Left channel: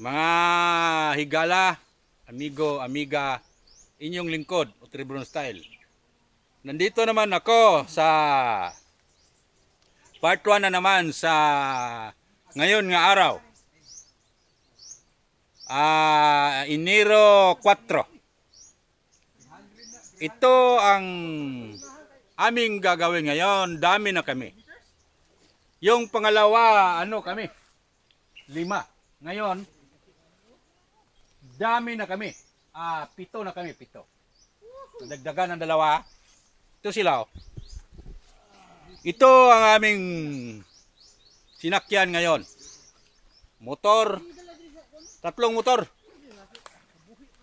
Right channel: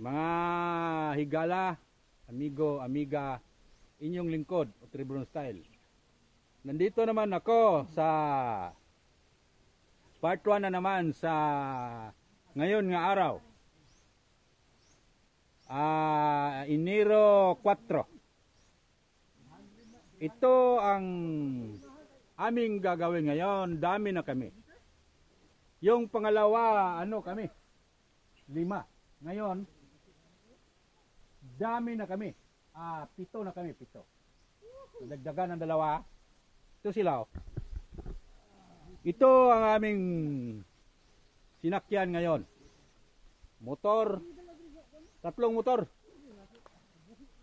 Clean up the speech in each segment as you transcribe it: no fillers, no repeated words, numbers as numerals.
Mga higala, amigo, amiga, inyong lingkod, Tribron Style. Nandito naman ako sa part 1 na naman sa ngayon nga araw. Enero 4. Ito ang aming gagawin ngayon. Dami na kami. Yung pangalawa, kami? 5. Ngayon, dami na kami. 7 na kami, 7. Dagdagan ng 2. Ito sila. Ito ang aming sinakyan ngayon. Motor. 3 motor.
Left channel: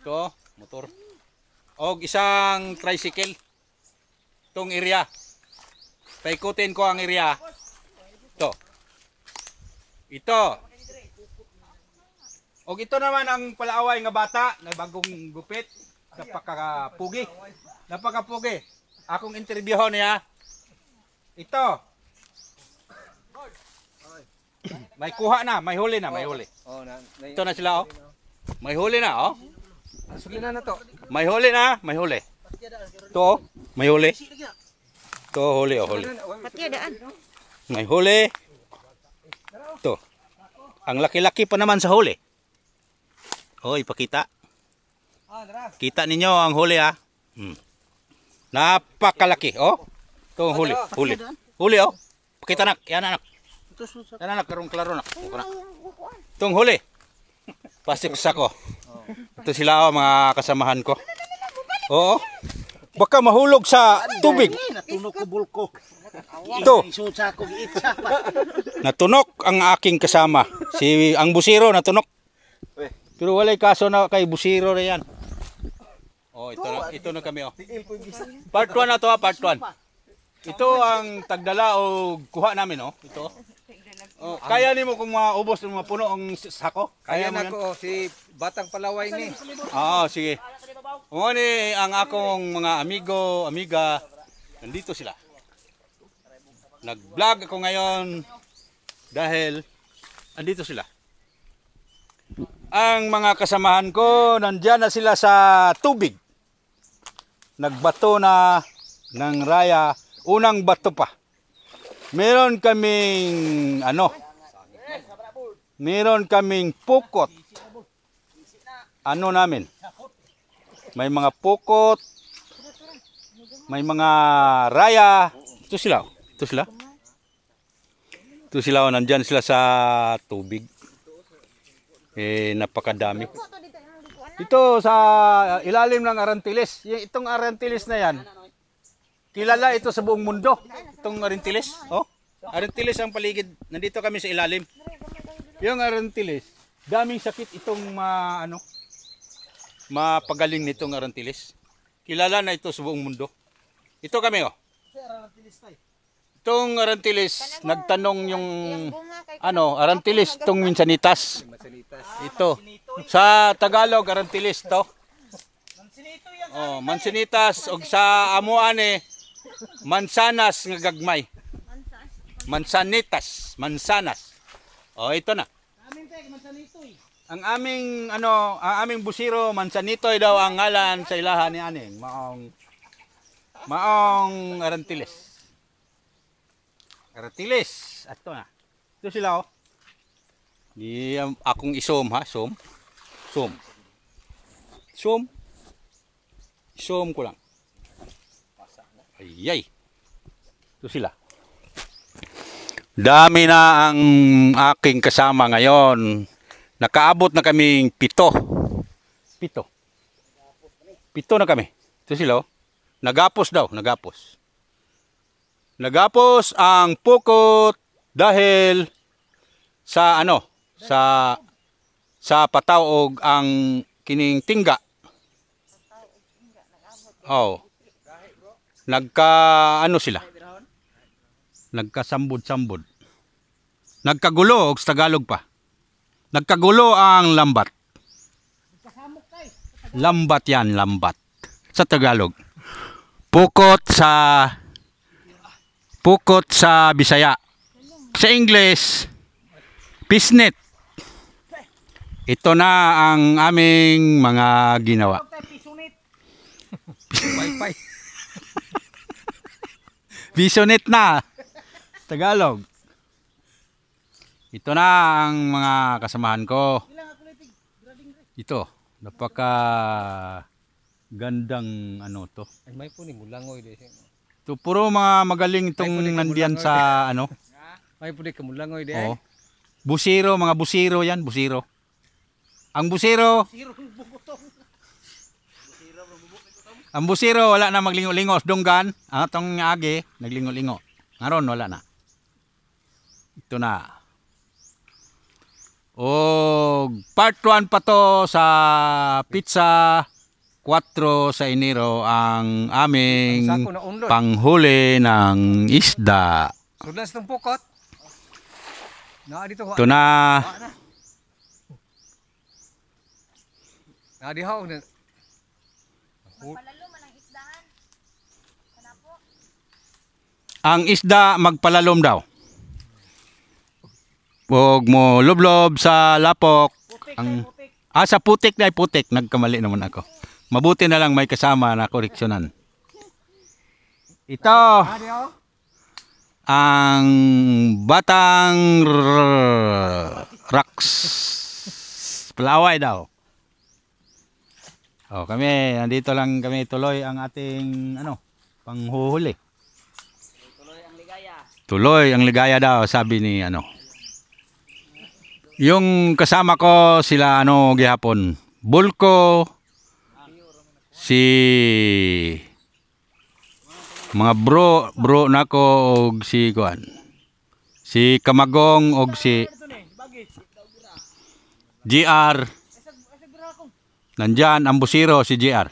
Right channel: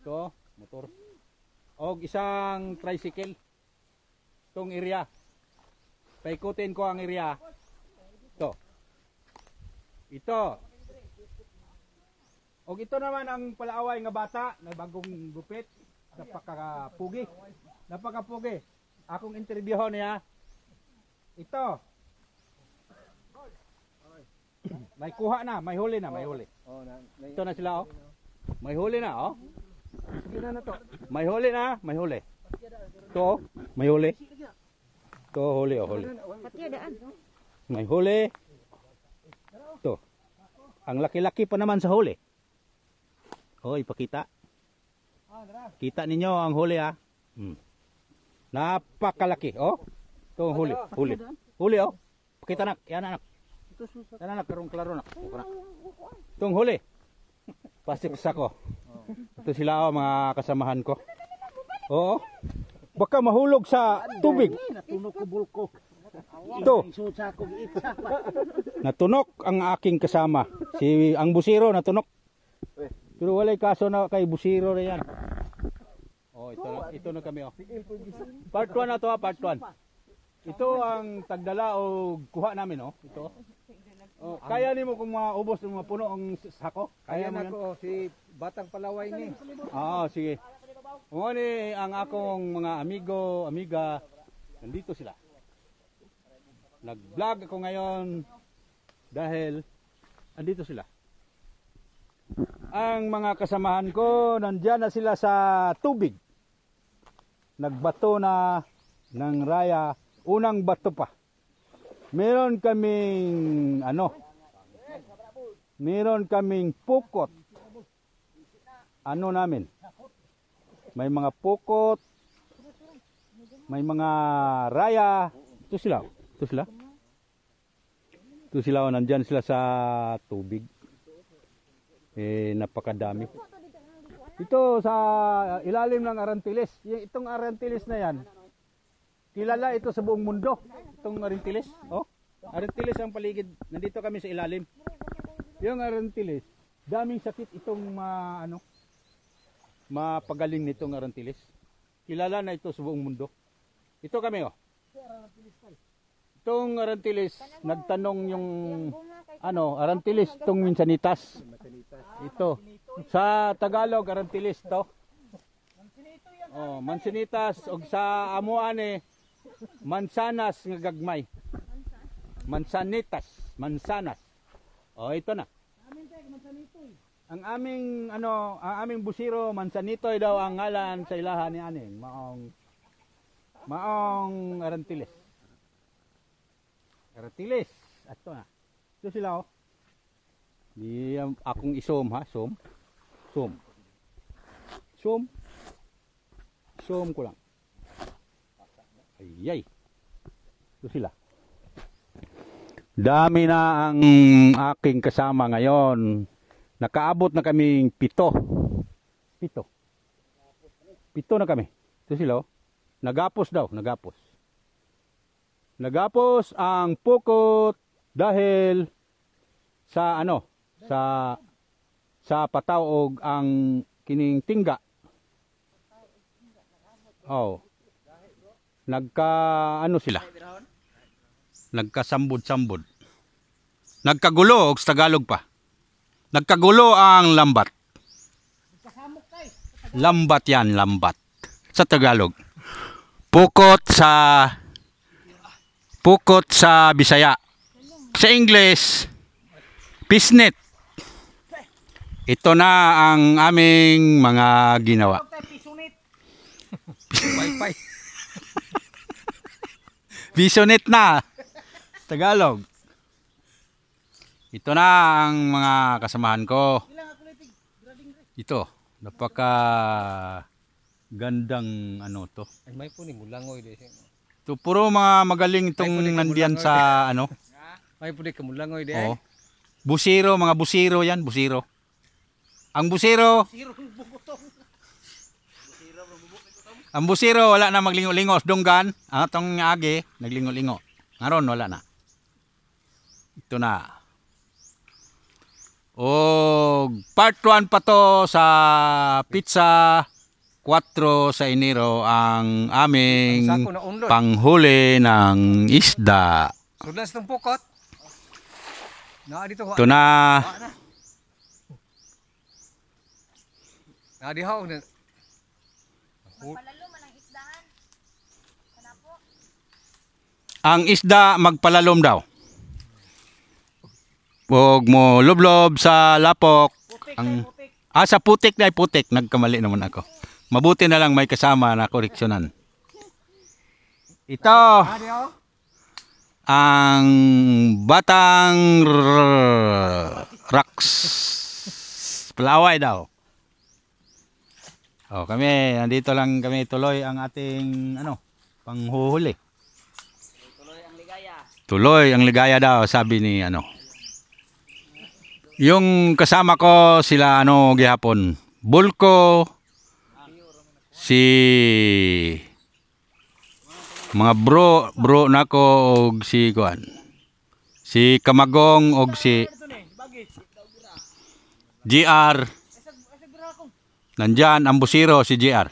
Ito, motor. O isang tricycle. Itong area. Paikutin ko ang area. Ito. Ito. O ito naman ang palaaway nga bata na bagong gupit. Napakapugi. Napakapugi. Akong interviewon niya. Ito. May kuha na, may huli na, may huli. Ito na sila, oh. May huli na, oh. May huli na, may huli. Ito, may huli. Ito, huli, oh, huli. May huli. Ito. Ang laki-laki pa naman sa huli. Oh, ipakita. Kita ninyo ang huli, ha. Napakalaki, oh. Ito, huli, huli. Huli, oh. Pakita nak, yan anak. Yan anak, klaro nak. Itong huli. Pasik sako. Ito sila, oh, mga kasamahan ko. Oo. Baka mahulog sa tubig. Natunog ko bulko. Ito. Natunok ang aking kasama. Ang busiro natunok. Pero walay kaso na kay busiro na yan. Oh, ito na kami, oh. Part 1 na to, part 1. Ito ang tagdala o kuha namin, oh. Ito. Oh, kaya nimo kung maubos ng mga puno ang sako? Kaya na ko si Batang Palaway ni. Sige. Mo ni ang akong mga amigo, amiga, nandito sila. Nag-vlog ako ngayon dahil andito sila. Ang mga kasamahan ko nandiyan na sila sa tubig. Nagbato na ng raya, unang bato pa. Meron kaming meron kaming pukot. Namin? May mga pukot, may mga raya. Ito sila. Ito sila. Ito sila, nandyan sila sa tubig. Napakadami. Ito sa ilalim ng Arantiles. Itong Arantiles na yan, kilala ito sa buong mundo. Itong Arantiles. Oh, Arantiles ang paligid. Nandito kami sa ilalim. Yung Arantiles, daming sakit itong mapagaling nitong Arantiles. Kilala na ito sa buong mundo. Ito kami, oh. Itong Arantiles, nagtanong yung Arantiles, itong Mansanitas. Ito. Sa Tagalog, Arantiles to. Oh, Mansanitas og sa amuane mansanas nga gagmay. Mansanitas, mansanas. Oh, ito na. Ang aming busiro, Mansanitoy daw ang ngalan sa ilahan ni aning maong Arantiles. Arantiles, ato na. Ito sila, oh. Di akong isom, ha, som. Som ko lang. Ayay. Ito sila. Dami na ang aking kasama ngayon. Nakaabot na kaming 7. 7 na kami. Ito sila, oh. Nagapos daw, nagapos. Nagapos ang pukot dahil sa sa patawog ang kining tingga. Oh. Sila. Nagkasambod-sambod. Nagkagulo og sa Tagalog pa. Nagkagulo ang lambat. Lambat yan, lambat. Sa Tagalog. Pukot sa Bisaya. Sa English, pisnet. ito na ang aming mga ginawa. Wi-Fi. Visionet na Tagalog. Ito na ang mga kasamahan ko. Ito, napaka gandang ano to. Ay may po ni mulangoy de. Ito puro mga magaling itong nandiyan sa ano. May po di ka mulangoy de. Oh. Busiro, mga busiro yan, busiro. Ang busiro. Ang busiro wala na maglingo-lingo donggan. Ang atong agi naglingo-lingo. Ngaron wala na. Ito na. Part 1 pa to sa pizza 4 sa Enero ang aming panghuli ng isda. Sudas tong pukot. Ito na. Dihaw na. Ang isda magpalalom daw. Huwag mo lublob sa lapok. Sa putik na putik. Nagkamali naman ako. Mabuti na lang may kasama na koreksyonan. Ito. Ang batang rocks. Palaway daw. Kami, nandito lang kami tuloy ang ating panghuhuli. Tuloy ang ligaya daw, sabi ni Yung kasama ko sila gihapon. Bulko, si mga bro nako og si kuan. Si Kamagong og si GR. Nandyan ang busiro si GR.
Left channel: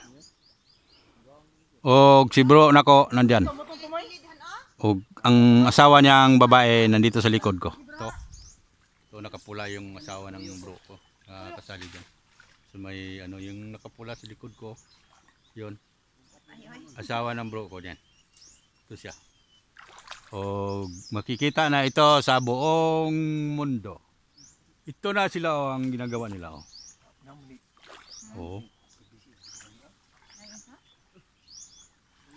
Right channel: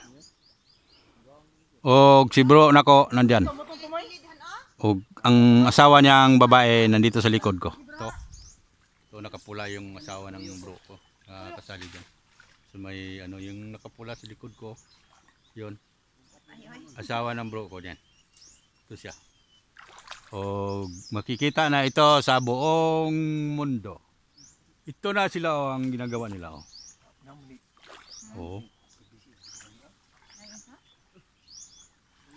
Og si bro nako nandyan. Og ang asawa niyang babae nandito sa likod ko. So nakapula yung asawa ng bro ko. Kasali dyan. So may yung nakapula sa likod ko. Yun. Asawa ng bro ko diyan. Ito siya. O makikita na ito sa buong mundo. Ito na sila ang ginagawa nila.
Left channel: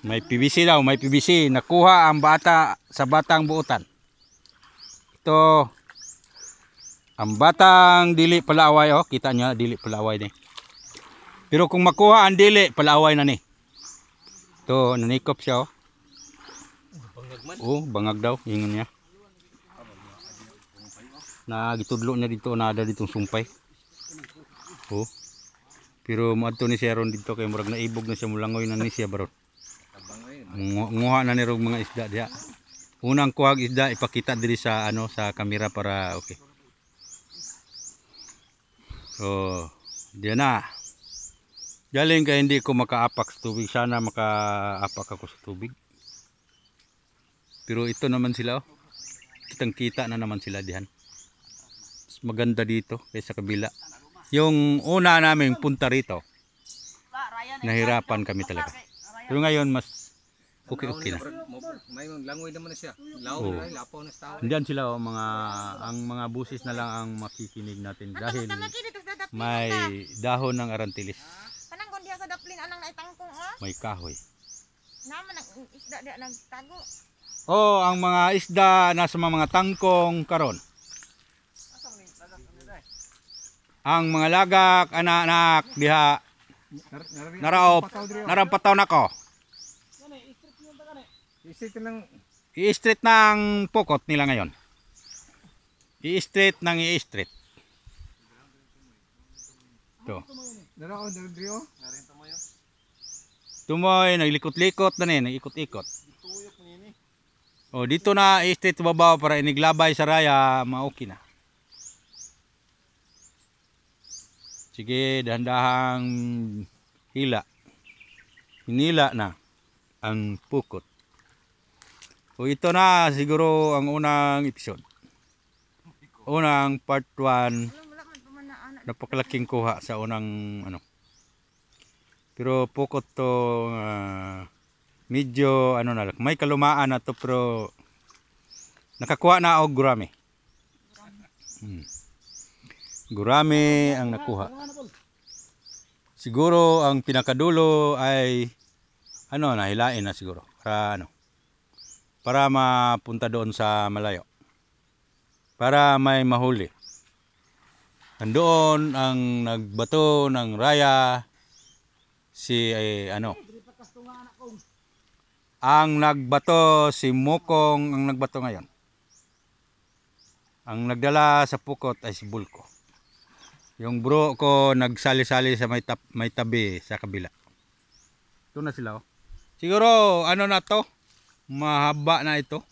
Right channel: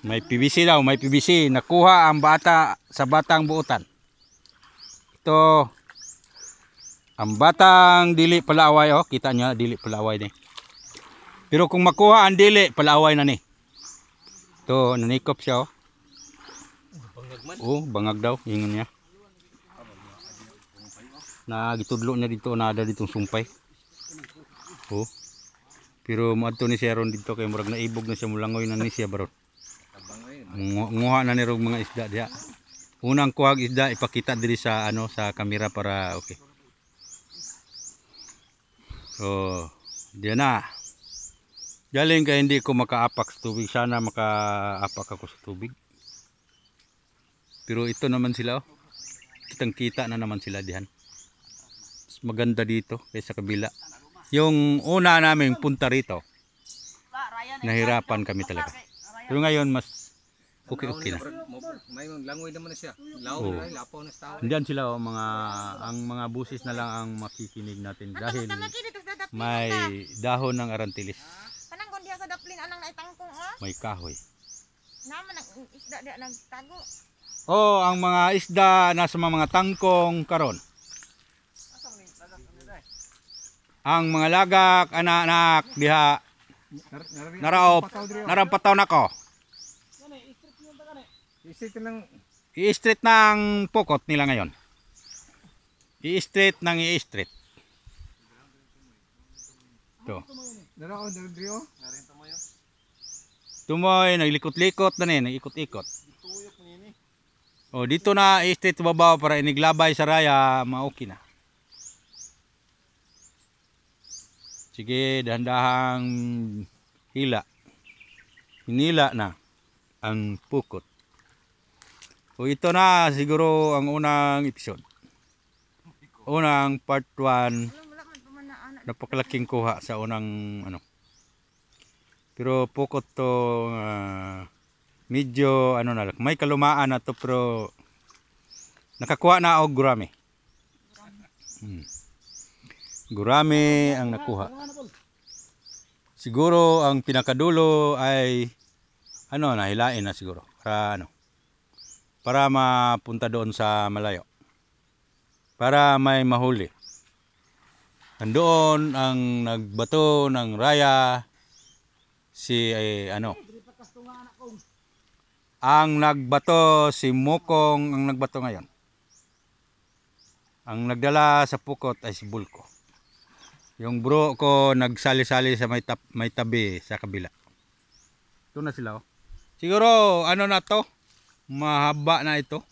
May PVC daw, may PVC. Nakuha ang bata sa batang buutan. Ito ang batang dili palaaway, kita nyo, dili palaaway ni. Pero kung makuha ang dili palaaway na ni. Ito, nanikop siya. Bangag daw, ingon niya. Nagitudlo niya dito, nada ditong sumpay. Pero maadto ni siya ron dito kay murag naibog na siya, mulangoy na ni siya baron. Nguha na ni rog mga isda diha. Unang kuhag isda ipakita diri sa sa kamera para okay. Diyan na. Galing kay hindi ko makaapak sa tubig, sana makaapak ako sa tubig. Pero ito naman sila, kitang-kita na naman sila diyan. Mas maganda dito kaysa kabila. Yung una naming punta rito, nahirapan kami talaga. Pero ngayon mas okay na. May langoy naman na siya. Lapaw na sa tao. Diyan sila ang mga busis na lang ang makikinig natin dahil may dahon ng arantilis. Pananggon diha sa daplin anang naitangkong May kahoy. Naman ang isda diha nagtago. Ang mga isda nasa mga tangkong karon. Ang mga lagak anak diha narampataw nako. I-straight ng pokot nila ngayon. I-straight ng i-straight. Ito. Tumoy, naglikot-likot na nag-ikot-ikot. Dito na i-straight babaw para iniglabay sa raya, ma-okay na. Sige, dahan-dahang hila. Hinila na ang pukot. Ito na siguro ang unang episode. Unang part 1. Napakalaking kuha sa unang Pero pukot to medyo na lang. May kalumaan na to pero nakakuha na og gurami. Gurami ang nakuha. Siguro ang pinakadulo ay nahilain na siguro para mapunta doon sa malayo. Para may mahuli. Nandoon ang nagbato ng raya ang nagbato si Mukong ang nagbato ngayon. Ang nagdala sa pukot ay si Bulko. Yung bro ko nagsali-sali sa may tabi sa kabila. Ito na sila. Siguro na to? Mahaba na ito.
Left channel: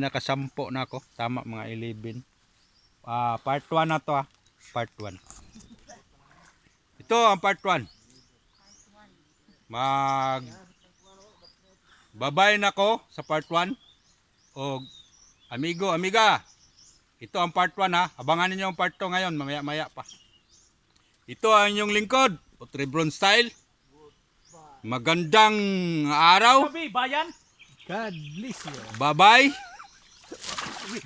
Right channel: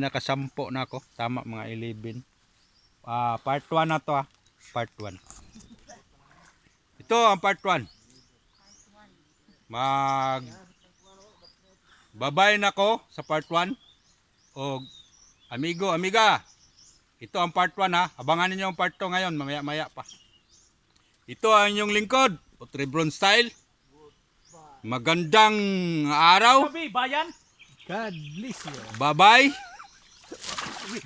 Nakasampo na ako. Tama, mga 11. Part 1 na to Part 1. Ito ang part 1. Babay na ko sa part 1. O amigo, amiga. Ito ang part 1 Abangan niyo ang part 2 ngayon, mamaya-maya pa. Ito ang inyong lingkod, Otrebron Style. Magandang araw. Bayan. God bless you. Bye-bye.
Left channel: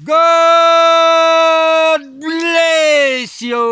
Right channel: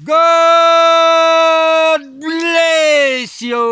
God bless you.